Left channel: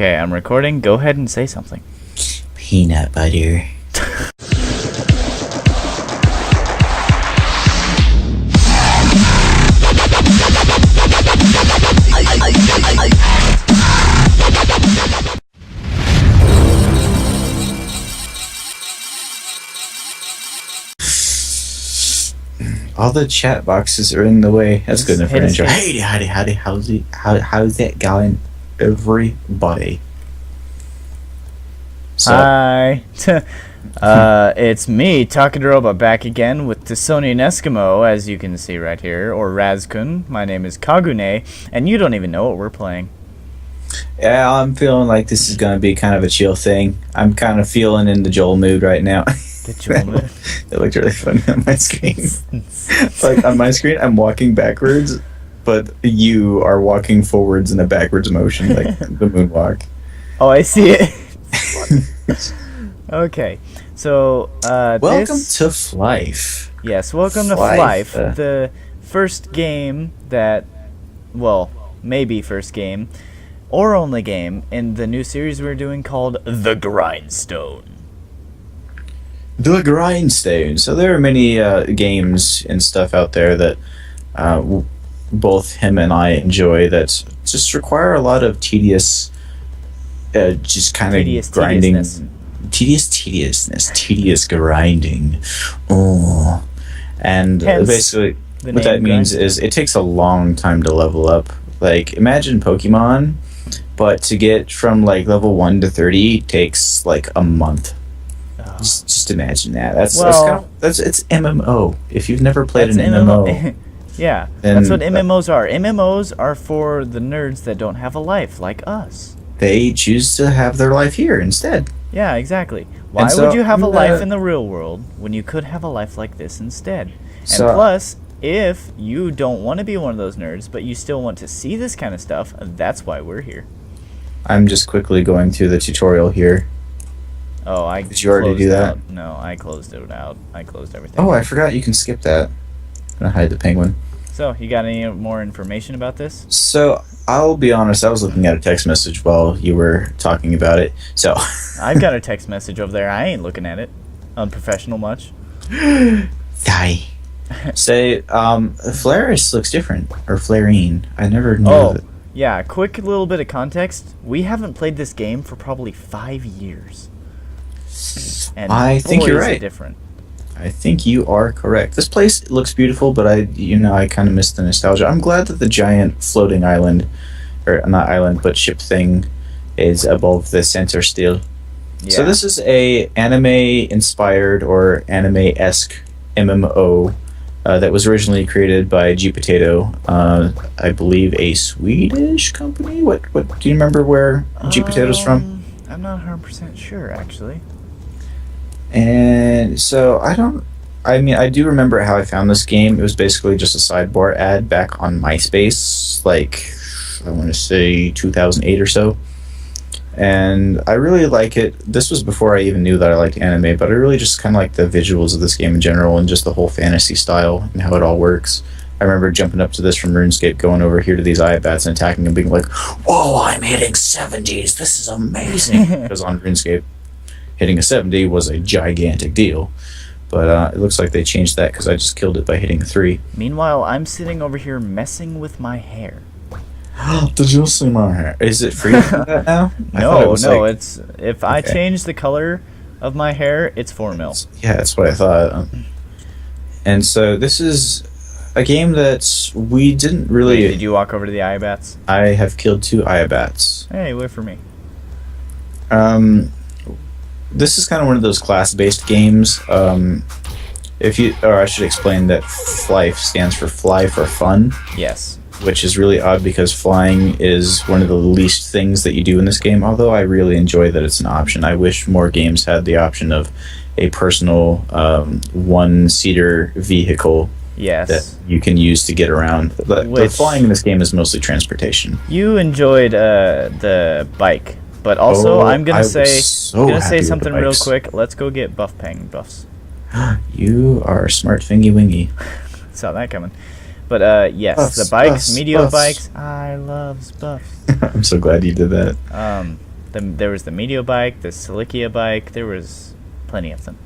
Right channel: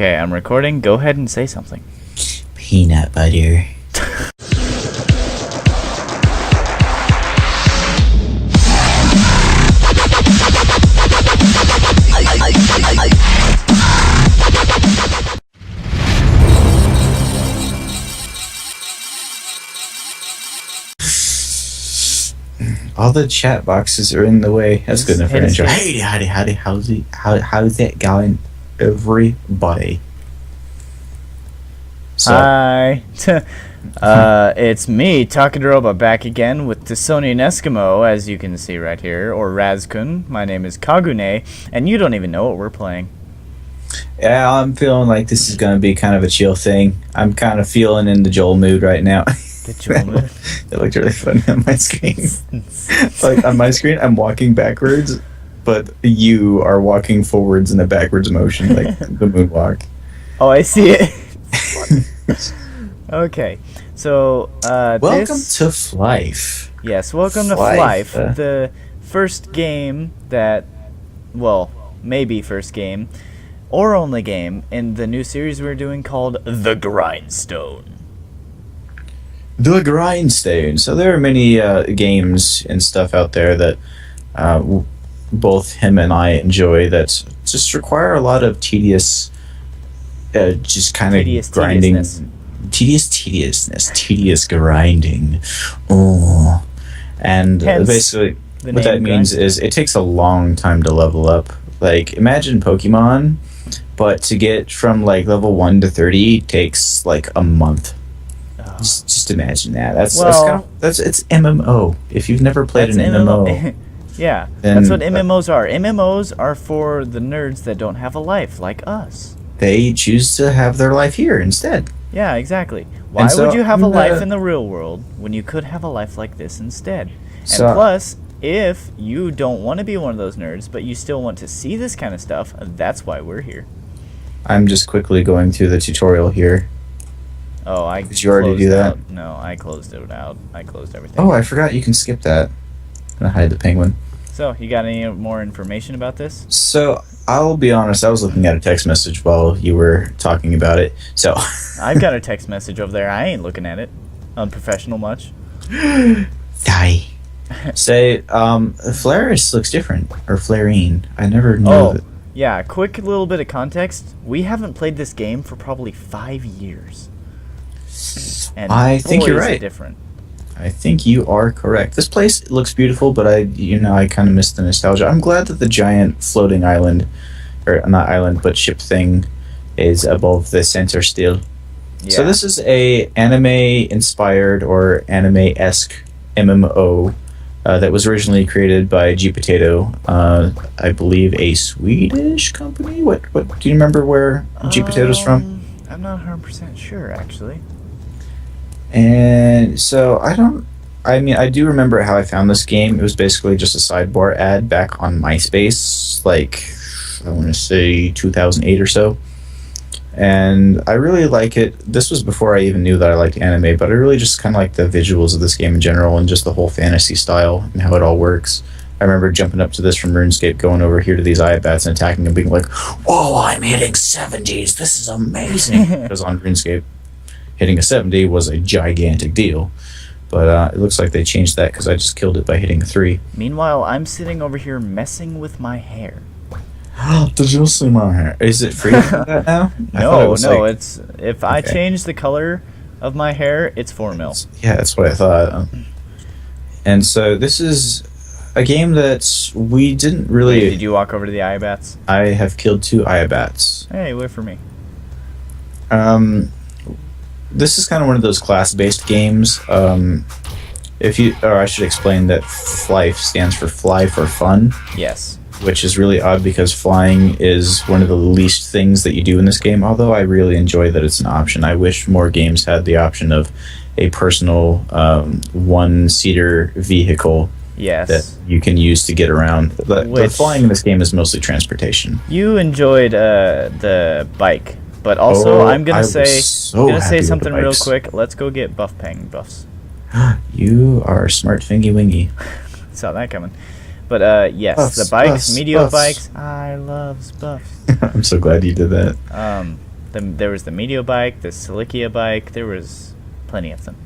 Okay, I'm recording. Go ahead and say something. Peanut butter. All the chat boxes are in the way. That's good enough for an intro. Hey, howdy, how's it going, everybody? So, Hi. It's me, Takaroba, back again with Tisonian Eskimo, as you can see right here, or Razkun. My name is Kagune, and you don't even know what we're playing. yeah, I'm feeling like this is going to be kind of a chill thing. I'm kind of feeling in the Joel mood right now. The Joel mood? It looked really funny on my screen. Like, on my screen, I'm walking backwards, but you are walking forwards in a backwards motion, like the moonwalk. Oh, I see it. Okay, so welcome to Flyff. Yes, welcome to Flyff, the first game that, well, maybe first game, or only game, in the new series we're doing called The Grindstone. The Grindstone. So there are many games and stuff out there that both him and I enjoy that just require a lot of tedious, just kind of grinding. Tedious grinding. Oh. And Hence, basically what that means is it takes a long time to level up. Like, imagine Pokemon, but to get from like level 1 to 30 takes like a month. Just imagine that. That's it's MMO. If you've never played an MMO, yeah, that's what MMOs are. MMOs are for the nerds that don't have a life like us. They choose to have their life here instead. Yeah, exactly. Why would you have a life in the real world when you could have a life like this instead? And plus, if you don't want to be one of those nerds, but you still want to see this kind of stuff, that's why we're here. I'm just quickly going through the tutorial here. Oh, did you already do that? No, I closed it out. I closed everything. Oh, I forgot you can skip that. I'm gonna hide the penguin. So, you got any more information about this? So, I'll be honest, I was looking at a text message while you were talking about it. So I've got a text message over there. I ain't looking at it. Unprofessional much. Die. Say, Flaris looks different. Or Flarine. I never knew that. Yeah, quick little bit of context. We haven't played this game for probably 5 years. And I think you're right. Different. I think you are correct. This place looks beautiful, but I kind of miss the nostalgia. I'm glad that the giant floating island, or not island, but ship thing, is above the center still. Yeah. So this is a anime-inspired or anime-esque MMO that was originally created by G Potato, I believe a Swedish company. What do you remember where G Potato's from? I'm not 100% sure, actually. And so I do remember how I found this game. It was basically just a sidebar ad back on MySpace, like, I want to say 2008 or so. And I really like it. This was before I even knew that I liked anime, but I really just kind of like the visuals of this game in general and just the whole fantasy style and how it all works. I remember jumping up to this from RuneScape, going over here to these Iabats and attacking them, being like, "Whoa, I'm hitting 70s. This is amazing." Because on RuneScape, hitting a 70 was a gigantic deal. But it looks like they changed that because I just killed it by hitting a 3. Meanwhile, I'm sitting over here messing with my hair. Did you see my hair? Is it free for that now? No, it's if I change the color of my hair, it's 4 mil. Yeah, that's what I thought. And so this is a game that we didn't really... Wait, did you walk over to the Iabats? I have killed 2 Iabats. Hey, wait for me. This is kind of one of those class-based games. Or I should explain that Flyff stands for fly for fun. Yes. Which is really odd because flying is one of the least things that you do in this game, although I really enjoy that it's an option. I wish more games had the option of a personal one-seater vehicle that you can use to get around. The flying in this game is mostly transportation. You enjoyed the bike, but also I'm gonna say something real quick. Let's go get buff pang buffs. You are smart, fingy wingy. Saw that coming. But yes, the bikes, Meteor bikes, I love buffs. I'm so glad you did that. There was the Meteor bike, the Cilicia bike. There was plenty of them.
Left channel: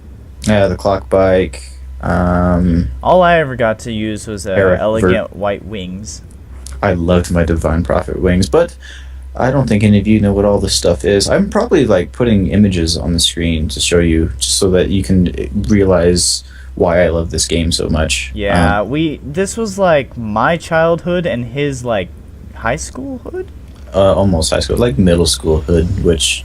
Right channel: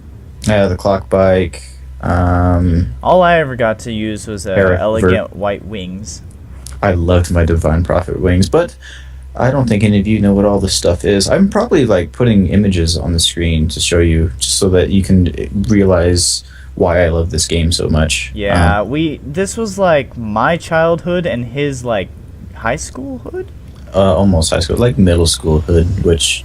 Yeah, the clock bike. All I ever got to use was elegant white wings. I loved my Divine Prophet wings, but I don't think any of you know what all this stuff is. I'm probably like putting images on the screen to show you, just so that you can realize why I love this game so much. Yeah, this was like my childhood and his like high school hood. Almost high school, like middle school hood, which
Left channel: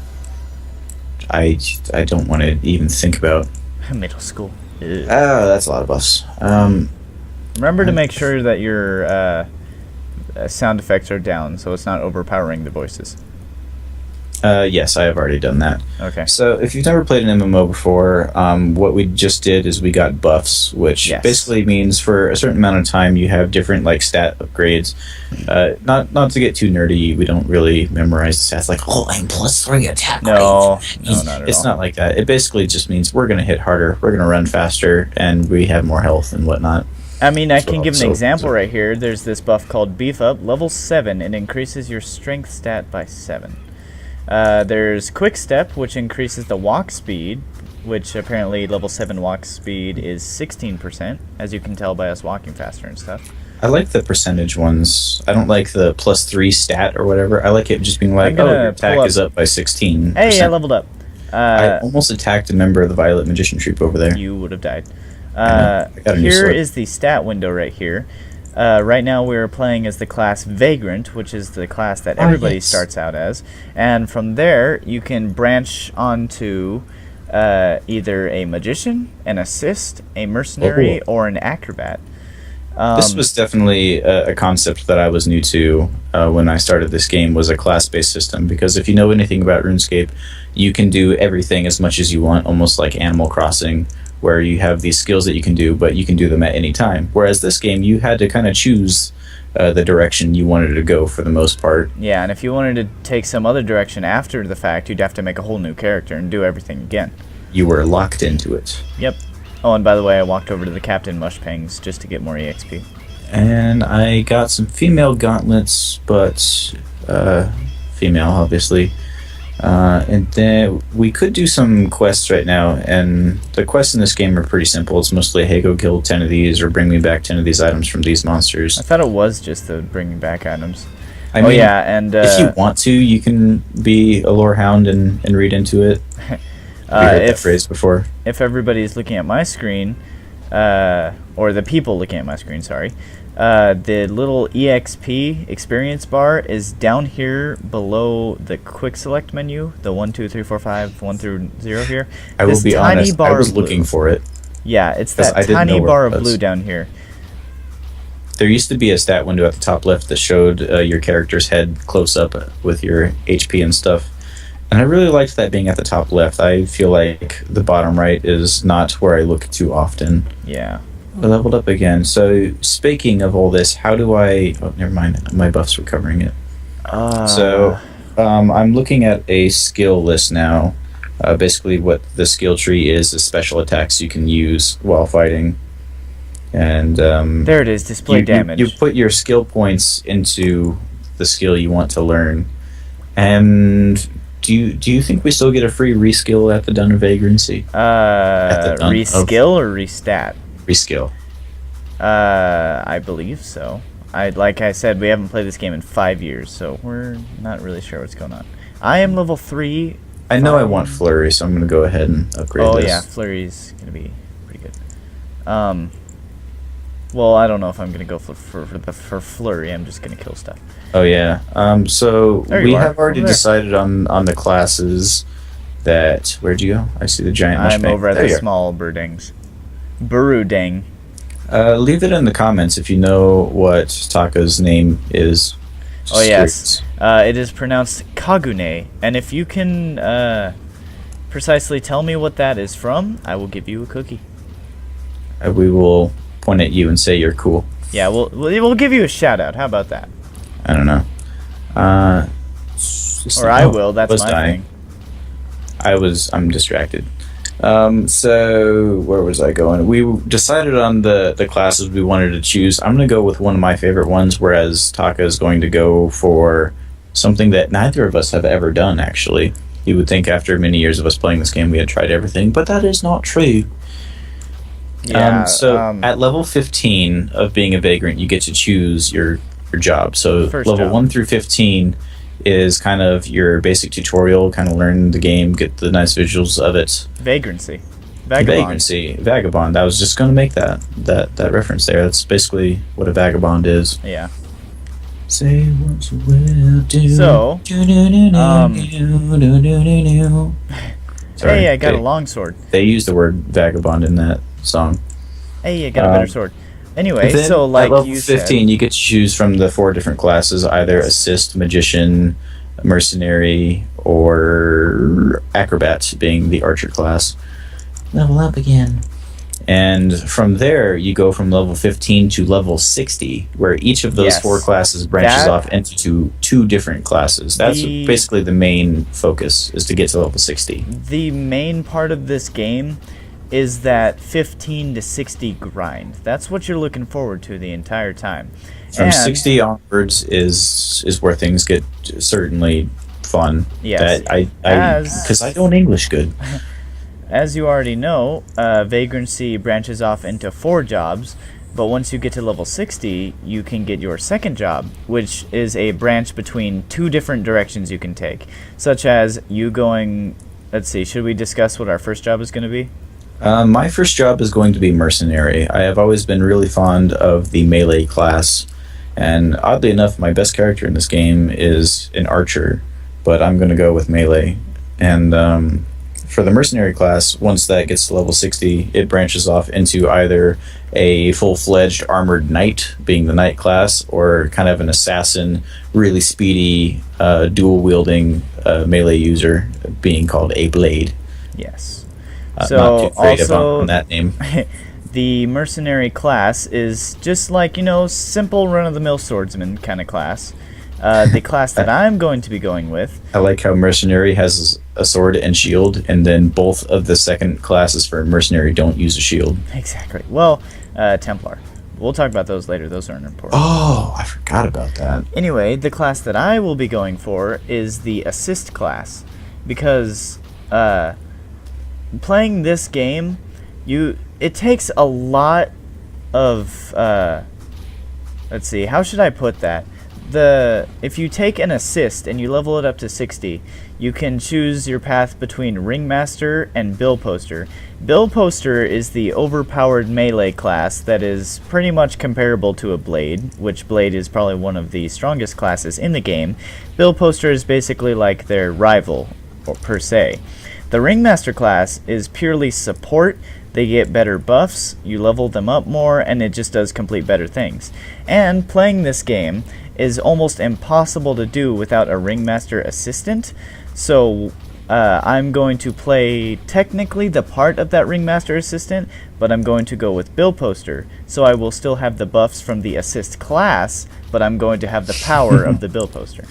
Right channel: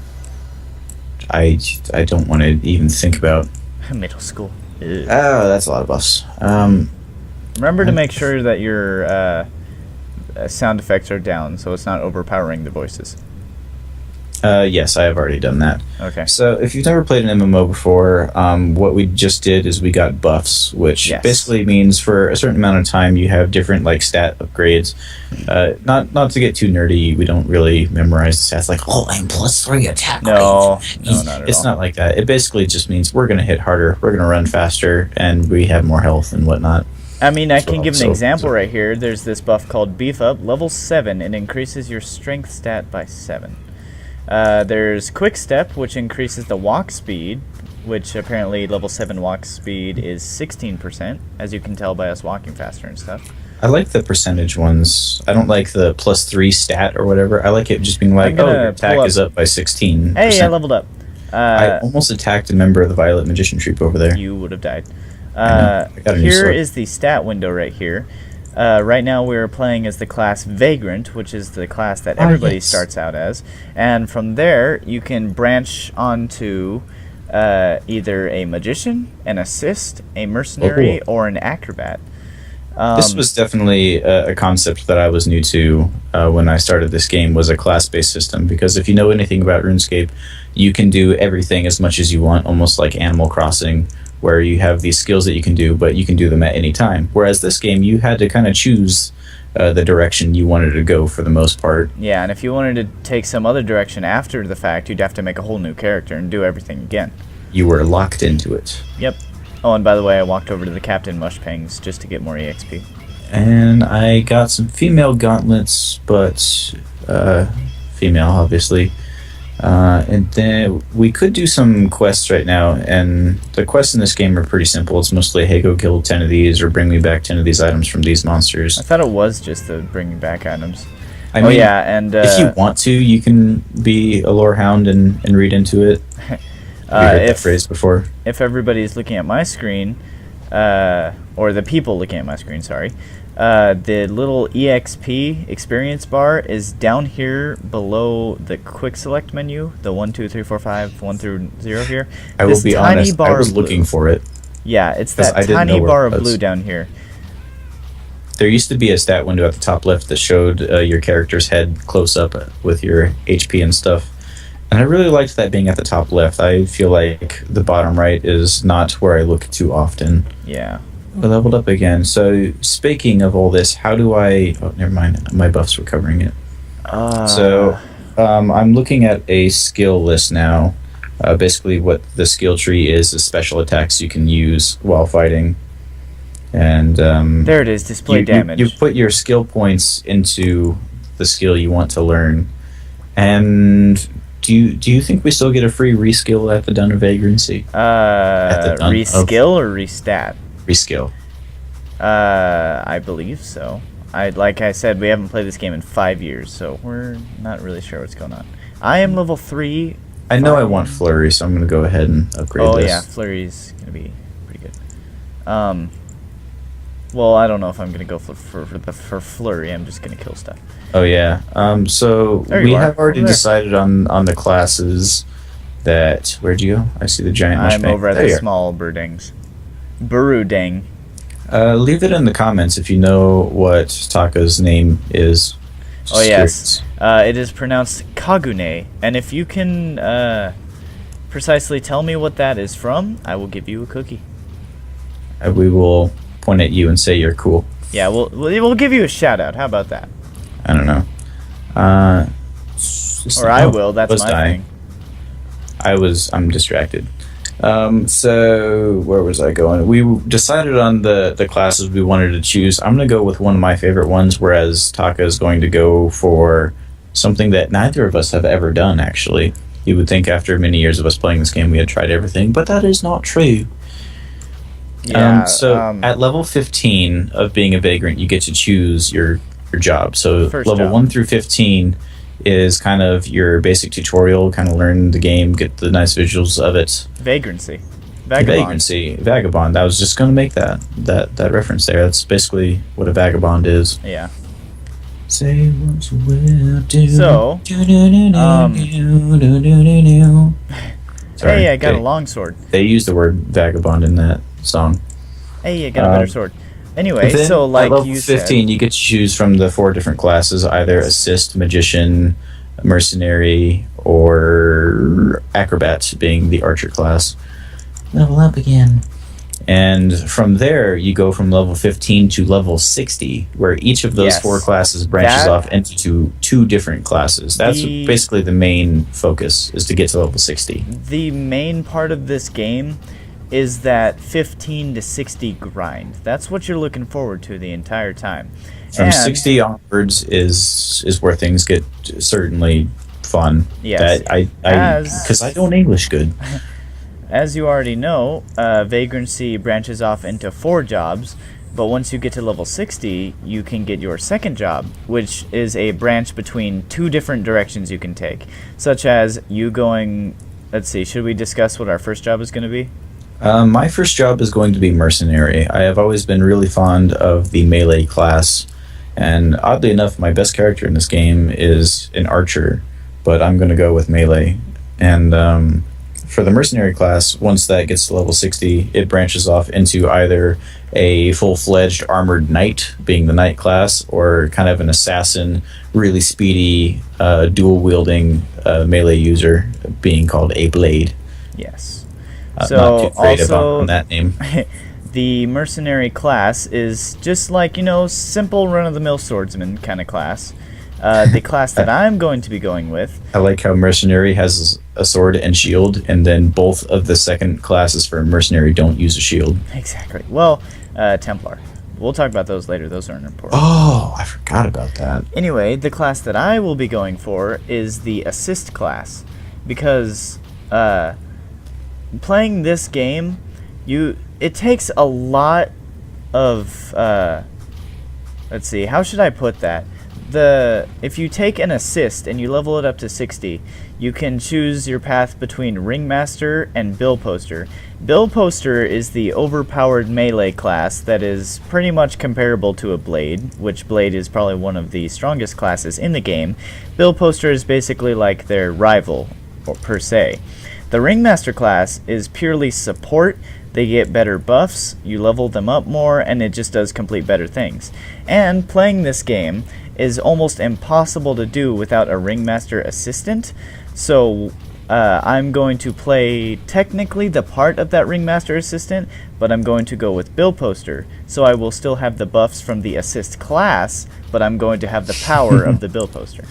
I don't want to even think about. Middle school. That's a lot of us. Remember to make sure that your sound effects are down, so it's not overpowering the voices. Yes, I have already done that. Okay. So if you've never played an MMO before, what we just did is we got buffs, which basically means for a certain amount of time you have different like stat upgrades. Not to get too nerdy, we don't really memorize the stats like, oh, I'm +3 attack. No, not at all. It's not like that. It basically just means we're going to hit harder, we're going to run faster, and we have more health and whatnot. I mean, I can give an example right here. There's this buff called Beef Up, level 7. It increases your strength stat by 7. There's Quick Step, which increases the walk speed, which apparently level 7 walk speed is 16%, as you can tell by us walking faster and stuff. I like the percentage ones. I don't like the +3 stat or whatever. I like it just being like, your attack is up by 16%. Hey, I leveled up. I almost attacked a member of the Violet Magician Troop over there. You would have died. Here is the stat window right here. Right now we're playing as the class Vagrant, which is the class that everybody starts out as. And from there, you can branch onto either a Magician, an Assist, a Mercenary, or an Acrobat. This was definitely a concept that I was new to when I started this game, was a class-based system. Because if you know anything about RuneScape, you can do everything as much as you want, almost like Animal Crossing, where you have these skills that you can do, but you can do them at any time. Whereas this game, you had to kind of choose the direction you wanted to go for the most part. Yeah, and if you wanted to take some other direction after the fact, you'd have to make a whole new character and do everything again. You were locked into it. Yep. Oh, and by the way, I walked over to the Captain Mushpangs just to get more EXP. And I got some female gauntlets, but female, obviously. And then we could do some quests right now, and the quests in this game are pretty simple. It's mostly, hey, go kill 10 of these, or bring me back 10 of these items from these monsters. I thought it was just the bringing back items. I mean, and if you want to, you can be a lore hound and read into it. Heard that phrase before. If everybody's looking at my screen, or the people looking at my screen, sorry, the little EXP experience bar is down here below the quick select menu, the 1, 2, 3, 4, 5, 1 through 0 here. I will be honest, I was looking for it. Yeah, it's that tiny bar of blue down here. There used to be a stat window at the top left that showed your character's head close up with your HP and stuff. And I really liked that being at the top left. I feel like the bottom right is not where I look too often. Yeah. I leveled up again. So, speaking of all this, how do I... Oh, never mind. My buffs were covering it. I'm looking at a skill list now. Basically, what the skill tree is special attacks you can use while fighting. And there it is, display damage. You put your skill points into the skill you want to learn. And... Do you think we still get a free reskill at the Dun of Vagrancy? Reskill or restat? Reskill. I believe so. Like I said, we haven't played this game in 5 years, so we're not really sure what's going on. I am level 3. I know I want Flurry, so I'm going to go ahead and upgrade this. Oh yeah, Flurry's going to be pretty good. Well, I don't know if I'm going to go for Flurry. I'm just going to kill stuff. Oh yeah. So we have already decided on the classes that... Where'd you go? I see the giant mushbang. I'm over at the small Burudang. Leave it in the comments if you know what Taka's name is. Oh yes. It is pronounced Kagune. And if you can precisely tell me what that is from, I will give you a cookie. We will point at you and say you're cool. Yeah, we'll give you a shout out. How about that? I don't know. Or I will. That's my thing. I'm distracted. So where was I going? We decided on the classes we wanted to choose. I'm going to go with one of my favorite ones, whereas Taka is going to go for something that neither of us have ever done, actually. You would think after many years of us playing this game, we had tried everything, but that is not true. Yeah. At level 15 of being a vagrant, you get to choose your job. So level job. 1 through 15 is kind of your basic tutorial, kind of learn the game, get the nice visuals of it. Vagrancy. Vagabond. I was just going to make that reference there. That's basically what a vagabond is. Yeah. Say what you will do. So, Sorry, hey, I got a longsword. They use the word vagabond in that song. Hey, I got a better sword. Anyway, Then, so like at level you 15, said, you get to choose from the 4 different classes, either assist, magician, mercenary, or acrobat, being the archer class. Level up again. And from there, you go from level 15 to level 60, where each of those 4 classes branches off into 2 different classes. That's basically the main focus, is to get to level 60. The main part of this game is that 15 to 60 grind. That's what you're looking forward to the entire time. From 60 onwards is where things get certainly fun. Yes. Because I don't English good. As you already know, Vagrancy branches off into 4 jobs, but once you get to level 60, you can get your second job, which is a branch between 2 different directions you can take, such as you going... Let's see, should we discuss what our first job is going to be? My first job is going to be mercenary. I have always been really fond of the melee class, and oddly enough, my best character in this game is an archer, but I'm going to go with melee. And for the mercenary class, once that gets to level 60, it branches off into either a full-fledged armored knight, being the knight class, or kind of an assassin, really speedy, dual-wielding melee user, being called a blade. Yes. So not too great about that name. The mercenary class is just like, simple run-of-the-mill swordsman kind of class. The class that I'm going to be going with... I like how mercenary has a sword and shield, and then both of the second classes for mercenary don't use a shield. Exactly. Well, Templar. We'll talk about those later. Those aren't important. Oh, I forgot about that. Anyway, the class that I will be going for is the assist class. Because playing this game, it takes a lot of... let's see, how should I put that? If you take an assist and you level it up to 60, you can choose your path between Ringmaster and Bill Poster. Bill Poster is the overpowered melee class that is pretty much comparable to a Blade, which Blade is probably one of the strongest classes in the game. Bill Poster is basically like their rival, per se. The Ringmaster class is purely support. They get better buffs, you level them up more, and it just does complete better things. And playing this game is almost impossible to do without a Ringmaster assistant, so I'm going to play technically the part of that Ringmaster assistant, but I'm going to go with Bill Poster, so I will still have the buffs from the assist class, but I'm going to have the power of the Bill Poster.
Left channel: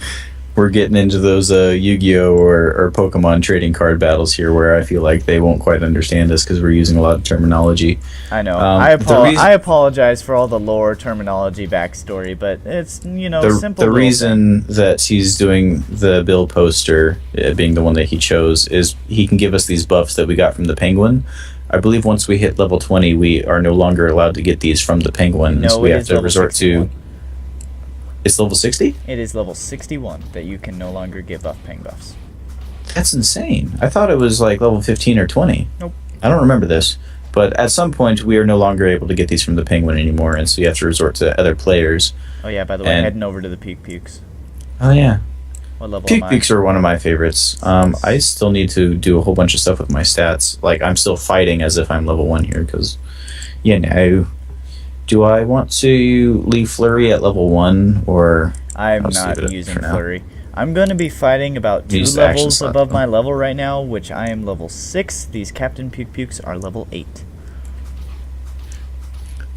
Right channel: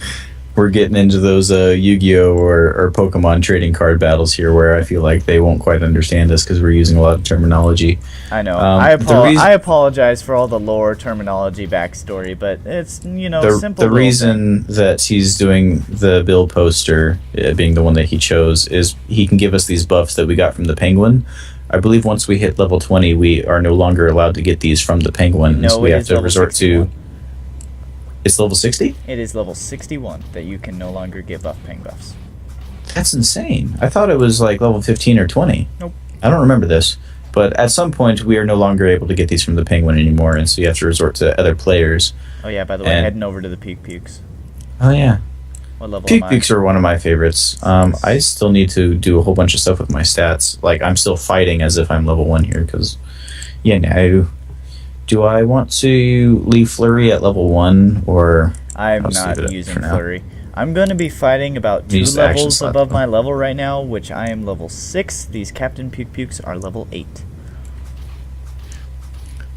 We're getting into those Yu-Gi-Oh! Or Pokemon trading card battles here, where I feel like they won't quite understand us because we're using a lot of terminology. I know. I apologize for all the lore, terminology, backstory, but it's, simple. The reason that he's doing the Bill Poster, being the one that he chose, is he can give us these buffs that we got from the Penguin. I believe once we hit level 20, we are no longer allowed to get these from the Penguin. No, so we have to resort 61. to... It's level 60? It is level 61 that you can no longer get buff ping buffs. That's insane. I thought it was like level 15 or 20. Nope. I don't remember this. But at some point, we are no longer able to get these from the Penguin anymore, and so you have to resort to other players. Oh yeah, by the way, heading over to the Puke Pukes. Oh yeah. What level Puke am I? Pukes are one of my favorites. I still need to do a whole bunch of stuff with my stats. Like, I'm still fighting as if I'm level 1 here, because, do I want to leave Flurry at level 1, or... I'm not using Flurry. I'm going to be fighting about 2 levels above my level right now, which I am level 6. These Captain Puke Pukes are level 8.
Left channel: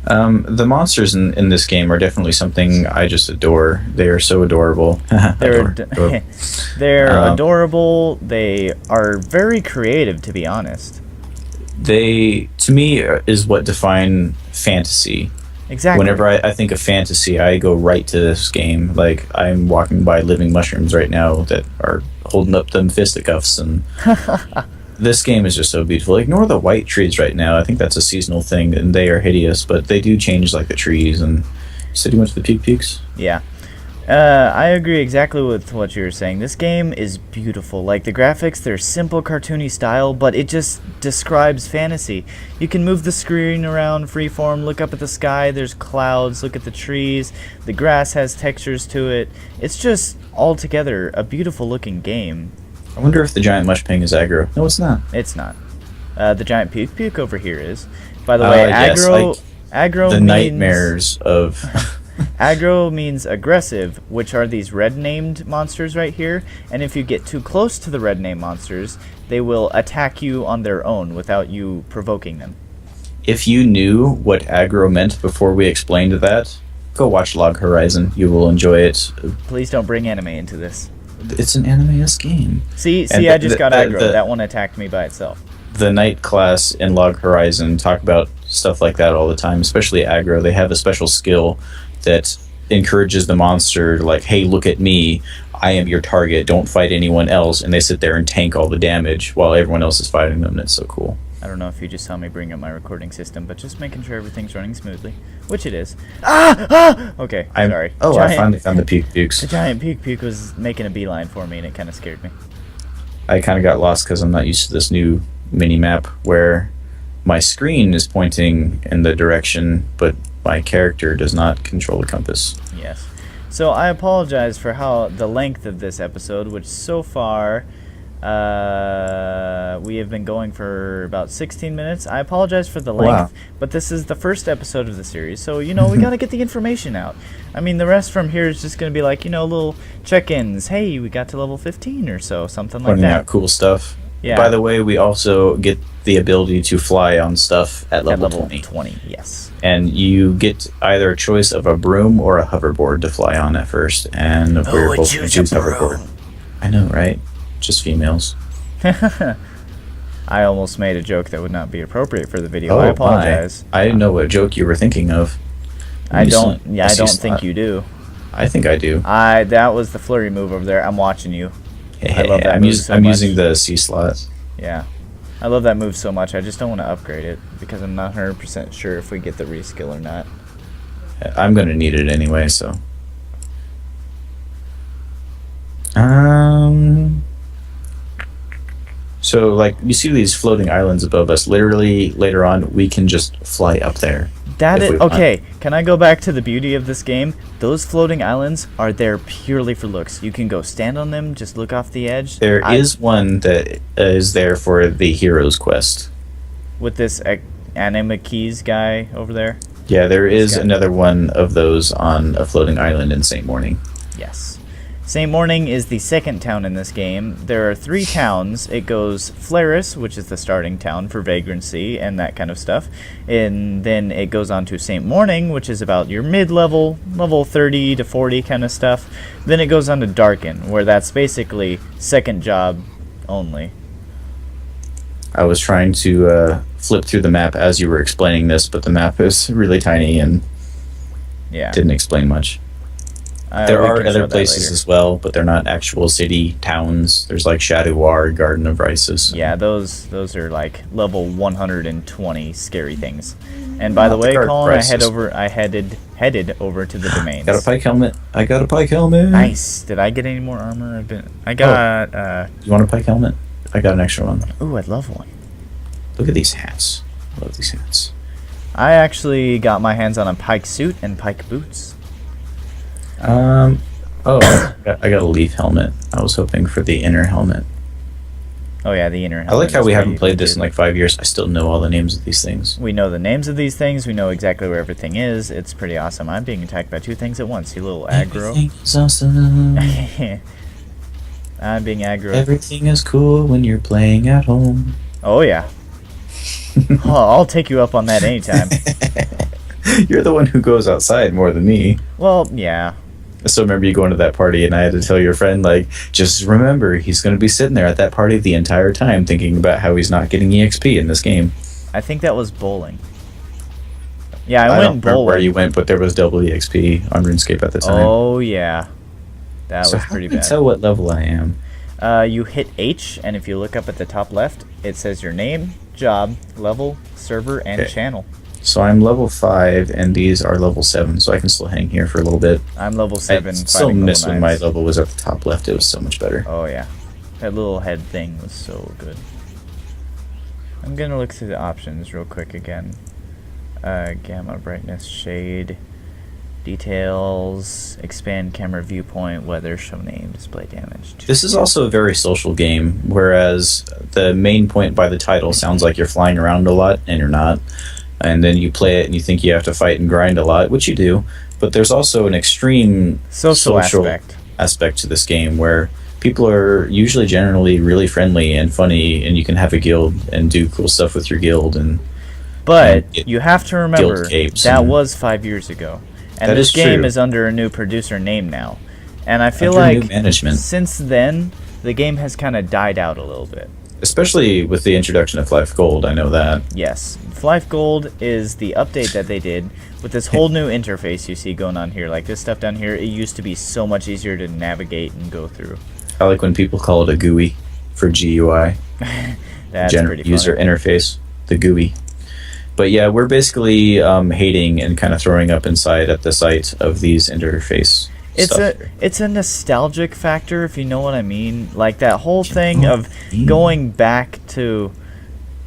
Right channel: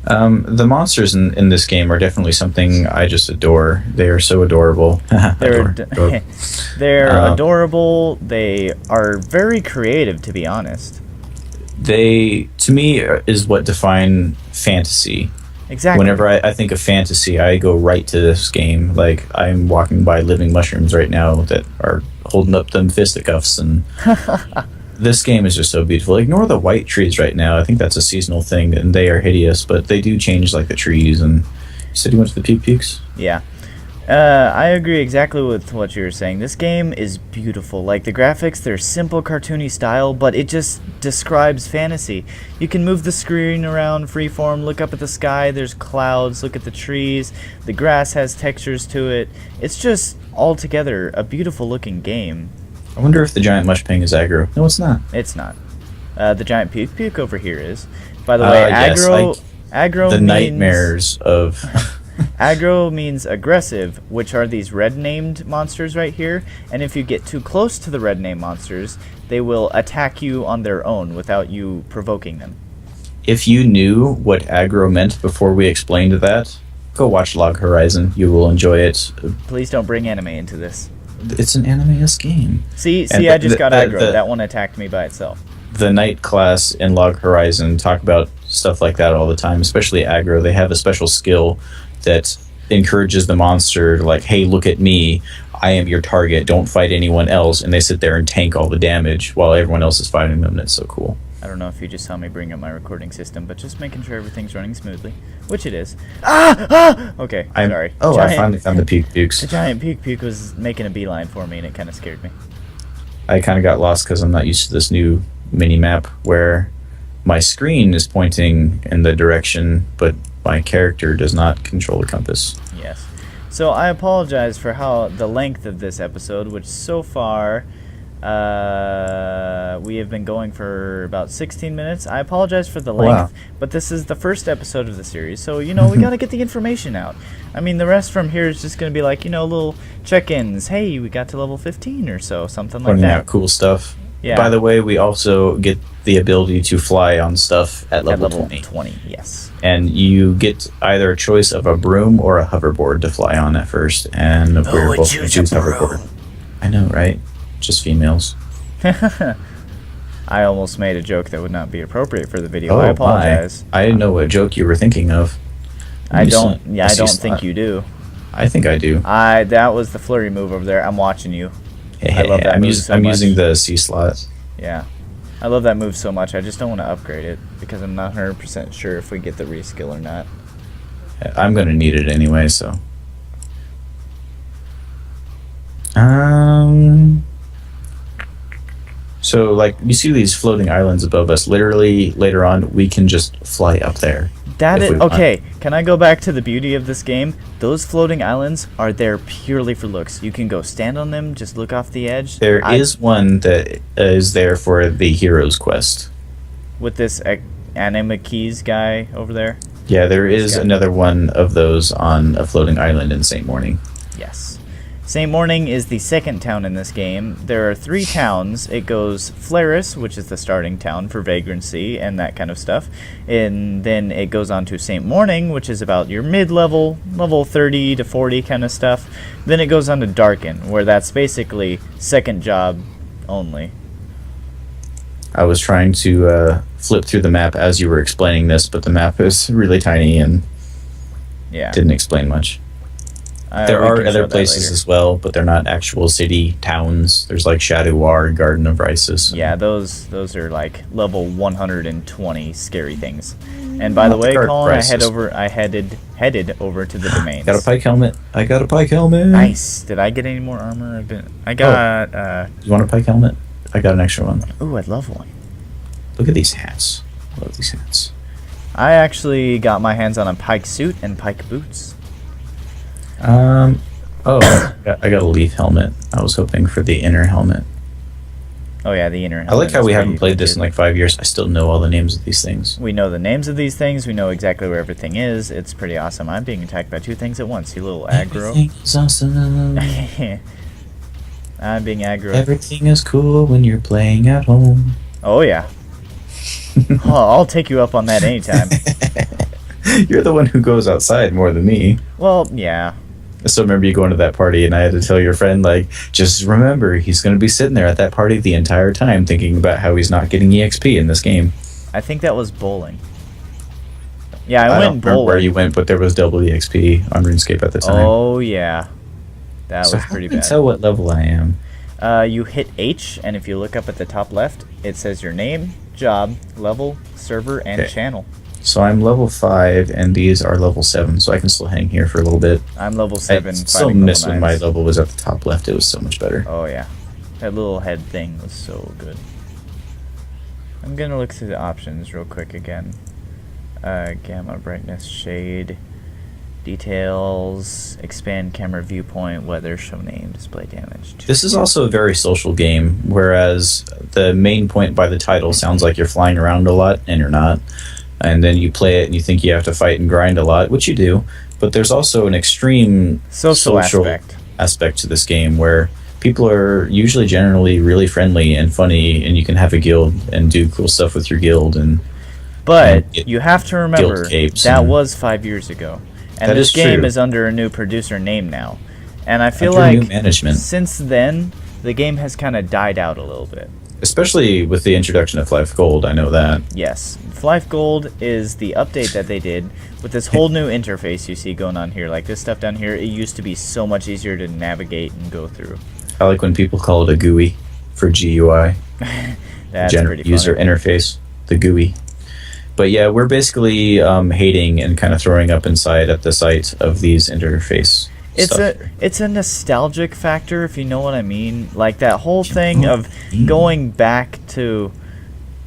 The monsters in this game are definitely something I just adore. They are so adorable. They're adorable. They are very creative, to be honest. They, to me, is what define fantasy. Exactly. Whenever I think of fantasy, I go right to this game. Like, I'm walking by living mushrooms right now that are holding up them fisticuffs, and this game is just so beautiful. Ignore the white trees right now. I think that's a seasonal thing, and they are hideous, but they do change, like, the trees. And you said you went to the Peak Peaks? Yeah. I agree exactly with what you were saying. This game is beautiful. Like, the graphics, they're simple, cartoony style, but it just describes fantasy. You can move the screen around freeform, look up at the sky, there's clouds, look at the trees, the grass has textures to it. It's just, altogether, a beautiful looking game. I wonder if the giant mush ping is aggro. No, it's not. It's not. The giant puke over here is. By the way, yes, aggro, like aggro the means... nightmares of... Aggro means aggressive, which are these red-named monsters right here, and if you get too close to the red-named monsters, they will attack you on their own without you provoking them. If you knew what aggro meant before we explained that, go watch Log Horizon. You will enjoy it. Please don't bring anime into this. It's an anime-esque game. See, I just got aggro. That one attacked me by itself. The night class in Log Horizon talk about stuff like that all the time, especially aggro. They have a special skill that encourages the monster, like, hey, look at me, I am your target, don't fight anyone else, and they sit there and tank all the damage while everyone else is fighting them, and it's so cool. I don't know if you just saw me bring up my recording system, but just making sure everything's running smoothly, which it is. Okay, sorry. I finally found the Peak Pukes. The giant puke was making a beeline for me, and it kind of scared me. I kind of got lost because I'm not used to this new mini-map where my screen is pointing in the direction, but my character does not control the compass. Yes. So I apologize for the length of this episode, which so far we have been going for about 16 minutes. I apologize for the length, but this is the first episode of the series, so, we got to get the information out. I mean, the rest from here is just going to be like, little check-ins. Hey, we got to level 15 or so, something like that. Cool stuff. Yeah. By the way, we also get the ability to fly on stuff at level 20, yes. And you get either a choice of a broom or a hoverboard to fly on at first, and we're both choose hoverboard. I know, right? Just females. I almost made a joke that would not be appropriate for the video. I apologize. I didn't know what joke you were thinking of. I don't think you do. I think I do. That was the flurry move over there. I'm watching you. I love that move so much. I'm using the C slot. Yeah. I love that move so much. I just don't want to upgrade it because I'm not 100% sure if we get the reskill or not. I'm going to need it anyway, so. So, like, you see these floating islands above us. Literally, later on, we can just fly up there. Okay, can I go back to the beauty of this game? Those floating islands are there purely for looks. You can go stand on them, just look off the edge. There is one that is there for the hero's quest. With this anima keys guy over there? Yeah, there is another one of those on a floating island in St. Morning. Yes. St. Morning is the second town in this game. There are 3 towns. It goes Flaris, which is the starting town for Vagrancy and that kind of stuff. And then it goes on to St. Morning, which is about your mid-level, level 30 to 40 kind of stuff. Then it goes on to Darken, where that's basically second job only. I was trying to flip through the map as you were explaining this, but the map is really tiny and didn't explain much. There are other places as well, but they're not actual city towns. There's like Shadow War, Garden of Rises. Yeah, those are like level 120 scary things. And by the way, Colin, I headed over to the domains. Got a pike helmet. I got a pike helmet. Nice. Did I get any more armor? I got. You want a pike helmet? I got an extra one. Ooh, I'd love one. Look at these hats. I love these hats. I actually got my hands on a pike suit and pike boots. I got a leaf helmet. I was hoping for the inner helmet. Oh yeah, the inner helmet. I like how we haven't played this in like 5 years. I still know all the names of these things. We know the names of these things. We know exactly where everything is. It's pretty awesome. I'm being attacked by 2 things at once. You little aggro. Everything's awesome. I'm being aggro. Everything is cool when you're playing at home. Oh yeah. I'll take you up on that anytime. You're the one who goes outside more than me. Well, yeah. So remember you going to that party and I had to tell your friend, like, just remember, he's going to be sitting there at that party the entire time thinking about how he's not getting EXP in this game. I think that was bowling. Yeah, I went don't remember where bowling. you went, but there was double EXP on RuneScape at the time. Oh yeah, that so was pretty how can I bad. tell what level I am? You hit H, and if you look up at the top left, it says your name, job, level, server, and channel. So I'm level 5, and these are level 7, so I can still hang here for a little bit. I'm level 7. I still miss when my level was at the top left. It was so much better. Oh yeah, that little head thing was so good. I'm gonna look through the options real quick again. Gamma, brightness, shade, details, expand camera viewpoint, weather, show name, display damage. This is also a very social game, whereas the main point by the title sounds like you're flying around a lot, and you're not. And then you play it and you think you have to fight and grind a lot, which you do. But there's also an extreme social aspect to this game where people are usually generally really friendly and funny, and you can have a guild and do cool stuff with your guild. But you have to remember that was 5 years ago, and this game is under a new producer name now. And I feel like since then the game has kind of died out a little bit. Especially with the introduction of Flyff Gold, I know that. Yes, Flyff Gold is the update that they did with this whole new interface you see going on here. Like this stuff down here, it used to be so much easier to navigate and go through. I like when people call it a GUI for GUI. That's pretty funny. User interface, the GUI. But yeah, we're basically hating and kind of throwing up inside at the sight of these interface. It's a nostalgic factor, if you know what I mean. Like that whole thing of going back to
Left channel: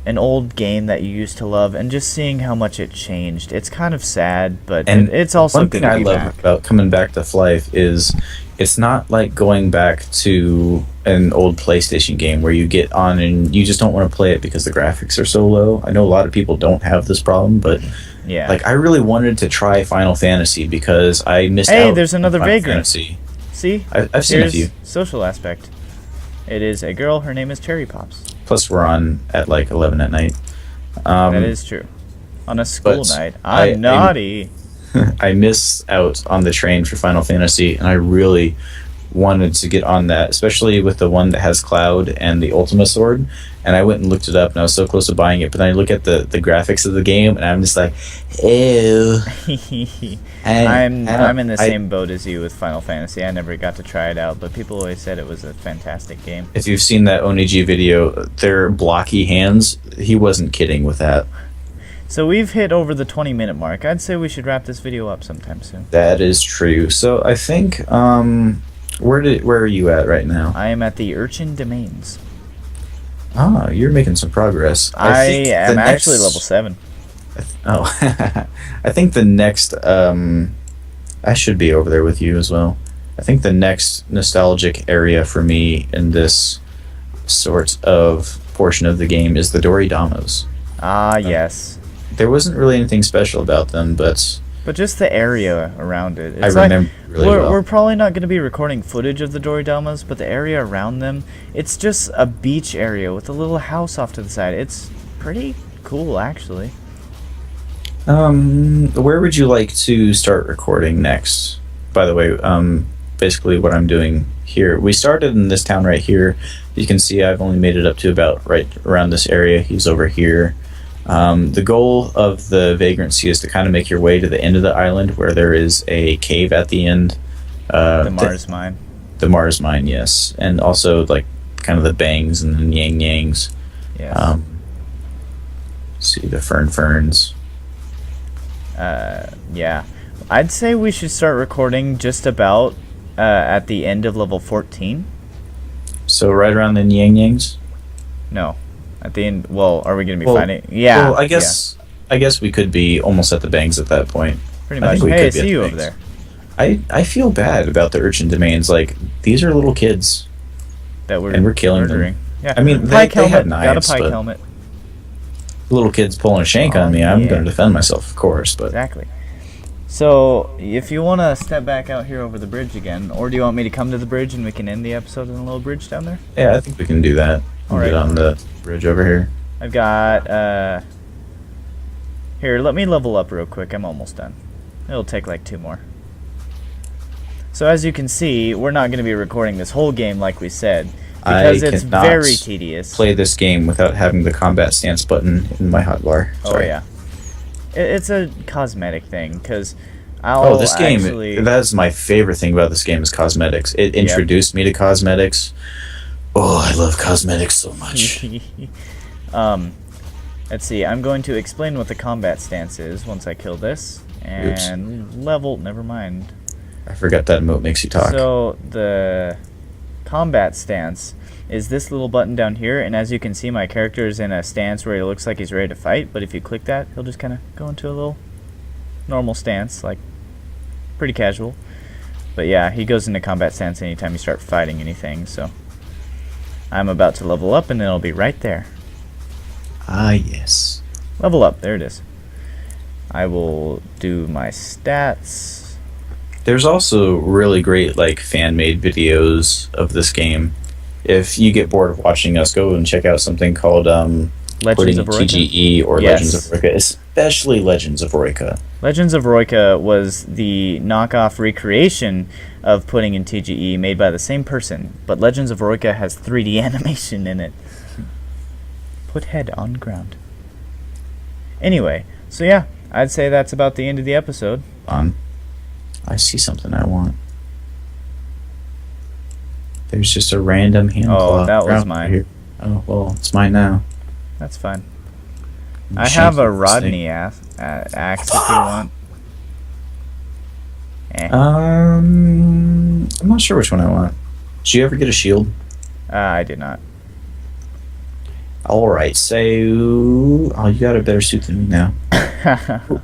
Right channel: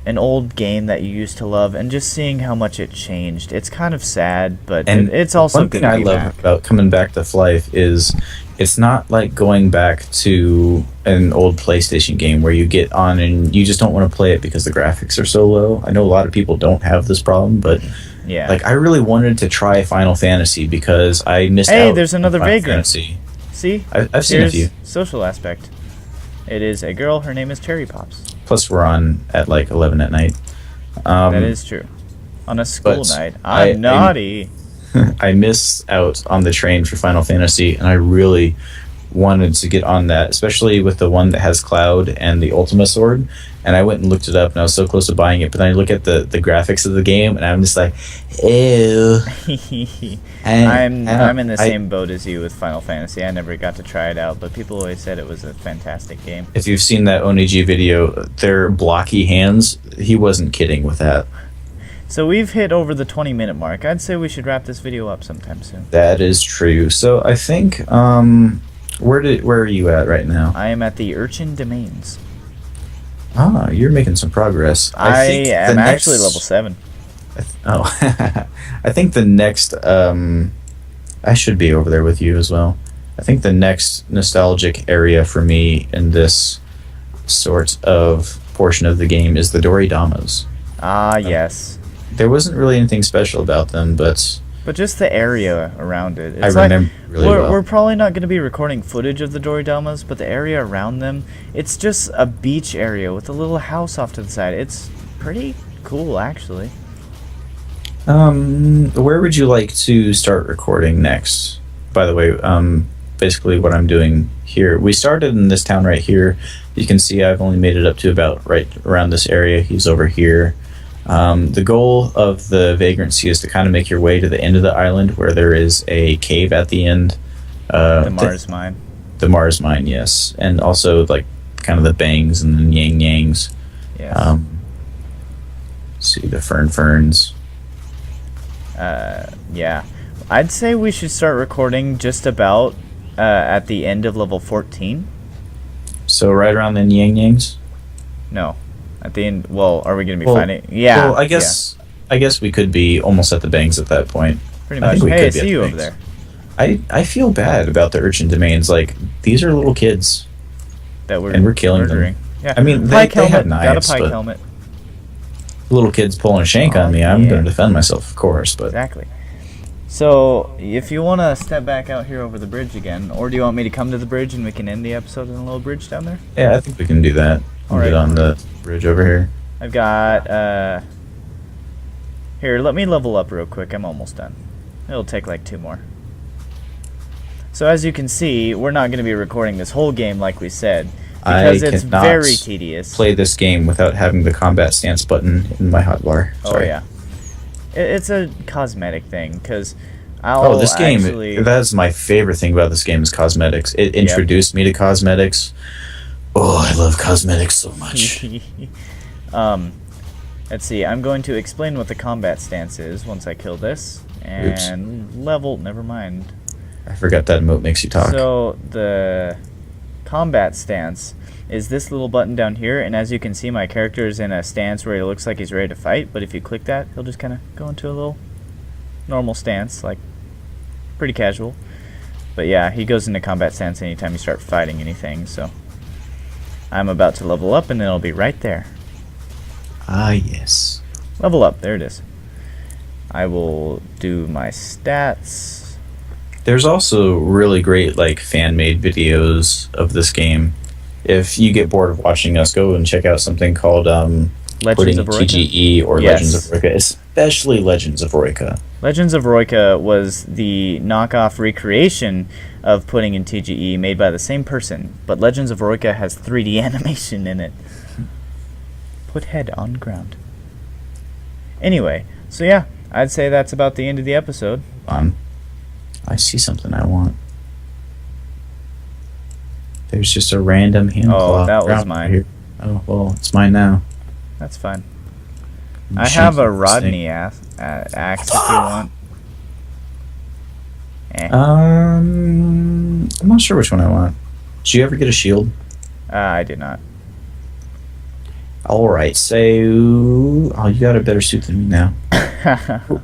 an old game that you used to love and just seeing how much it changed. It's kind of sad, but it's also good to be back. One thing I love about coming back to Flyff is it's not like going back to an old PlayStation game where you get on and you just don't want to play it because the graphics are so low. I know a lot of people don't have this problem, but yeah, like I really wanted to try Final Fantasy because I missed out. Hey, there's another Vagrancy. See? I've seen a few. Social aspect. It is a girl. Her name is Cherry Pops. Plus, we're on at like 11 at night. That is true. On a school night. I'm naughty. I missed out on the train for Final Fantasy, and I really wanted to get on that, especially with the one that has Cloud and the Ultima Sword. And I went and looked it up, and I was so close to buying it. But then I look at the graphics of the game, and I'm just like, ew. I'm in the same boat as you with Final Fantasy. I never got to try it out, but people always said it was a fantastic game. If you've seen that Onigi video, their blocky hands, he wasn't kidding with that. So we've hit over the 20-minute mark. I'd say we should wrap this video up sometime soon. That is true. So I think, where are you at right now? I am at the Urchin Domains. Ah, you're making some progress. I am actually level 7. I think the next, I should be over there with you as well. I think the next nostalgic area for me in this sort of portion of the game is the Doridamas. Ah, yes. There wasn't really anything special about them, but just the area around it. It's I remember really well. We're probably not going to be recording footage of the Doridamas, but the area around them, it's just a beach area with a little house off to the side. It's pretty cool, actually. Where would you like to start recording next? By the way, basically what I'm doing here, we started in this town right here. You can see I've only made it up to about right around this area. He's over here. The goal of the Vagrancy is to kind of make your way to the end of the island where there is a cave at the end. The Mars Mine. The Mars Mine, yes. And also, like, kind of the bangs and the yang-yangs. Yes. See, the ferns. Yeah. I'd say we should start recording just about at the end of level 14. So right around the yang-yangs? No. At the end, well, are we going to be fighting? Yeah. Well, I guess we could be almost at the bangs at that point. Pretty much. Hey, I see you over there. I feel bad about the Urchin Domains. Like, these are little kids. And we're killing them. Yeah. I mean, Pike they helmet. have knives, Got a pike helmet. Little kids pulling a shank on me. I'm going to defend myself, of course. But exactly. So, if you want to step back out here over the bridge again, or do you want me to come to the bridge and we can end the episode in the little bridge down there? Yeah, I think we can do that. All right. Get on the bridge over here. I've got, here, let me level up real quick. I'm almost done. It'll take like 2 more. So as you can see, we're not going to be recording this whole game like we said, because it's very tedious. Play this game without having the combat stance button in my hotbar. Oh yeah. It's a cosmetic thing, because I'll this game, actually... that's my favorite thing about this game is cosmetics. It introduced me to cosmetics. Oh, I love cosmetics so much. Let's see, I'm going to explain what the combat stance is once I kill this. And level, never mind. I forgot that emote makes you talk. So, the combat stance is this little button down here, and as you can see, my character is in a stance where he looks like he's ready to fight, but if you click that, he'll just kind of go into a little normal stance, like pretty casual. But yeah, he goes into combat stance anytime you start fighting anything, so I'm about to level up and then it'll be right there. Ah, yes. Level up, there it is. I will do my stats. There's also really great like fan-made videos of this game. If you get bored of watching us, go and check out something called Legends of Eroica? TGE or Legends of Eroica, especially Legends of Eroica. Legends of Eroica was the knockoff recreation of putting in TGE made by the same person, but Legends of Eroica has 3D animation in it. Put head on ground. Anyway, so yeah, I'd say that's about the end of the episode. I see something I want. There's just a random hand claw. Oh, that was mine. Here. Oh, well, it's mine now. That's fine. I have a Rodney axe if you want. I'm not sure which one I want. Did you ever get a shield? I did not. Alright, so... Oh, you got a better suit than me now.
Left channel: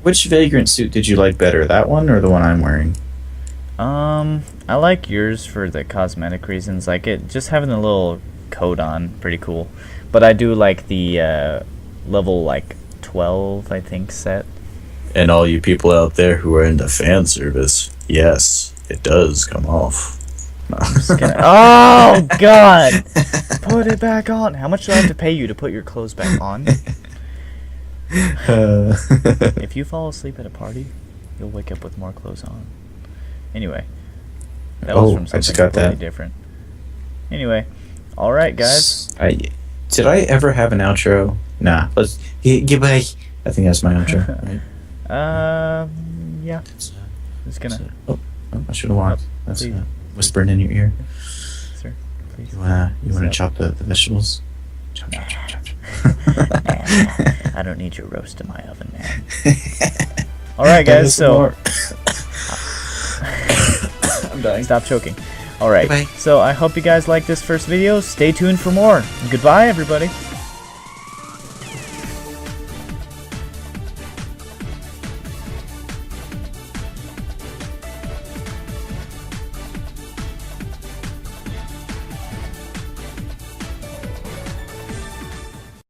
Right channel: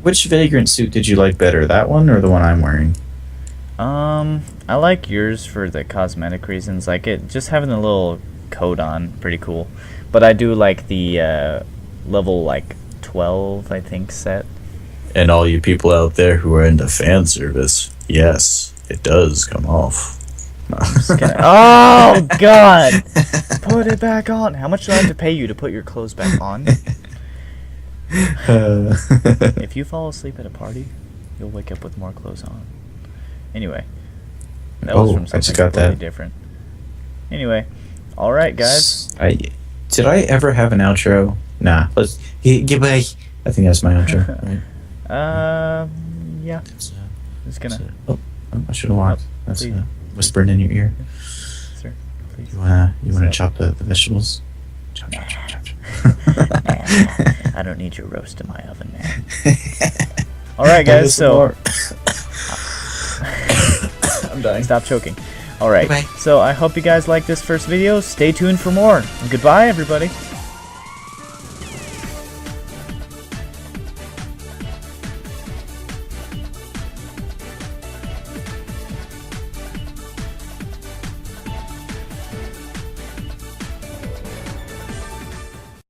Which Vagrant suit did you like better? That one or the one I'm wearing? I like yours for the cosmetic reasons. Like it, just having the little coat on, pretty cool. But I do like the level like 12, I think, set. And all you people out there who are into fan service, yes, it does come off. Oh God! Put it back on. How much do I have to pay you to put your clothes back on? If you fall asleep at a party, you'll wake up with more clothes on. Anyway, that was from something completely different. Anyway, all right, guys. Did I ever have an outro? Nah. Let's goodbye. I think that's my outro. Right? Yeah. Just gonna. I should have walked. That's whispering in your ear. Sir, please. You wanna chop the vegetables? Chop. I don't need your roast in my oven, man. All right, guys. So. I'm dying. Stop choking. All right. Bye. So I hope you guys like this first video. Stay tuned for more. Goodbye, everybody.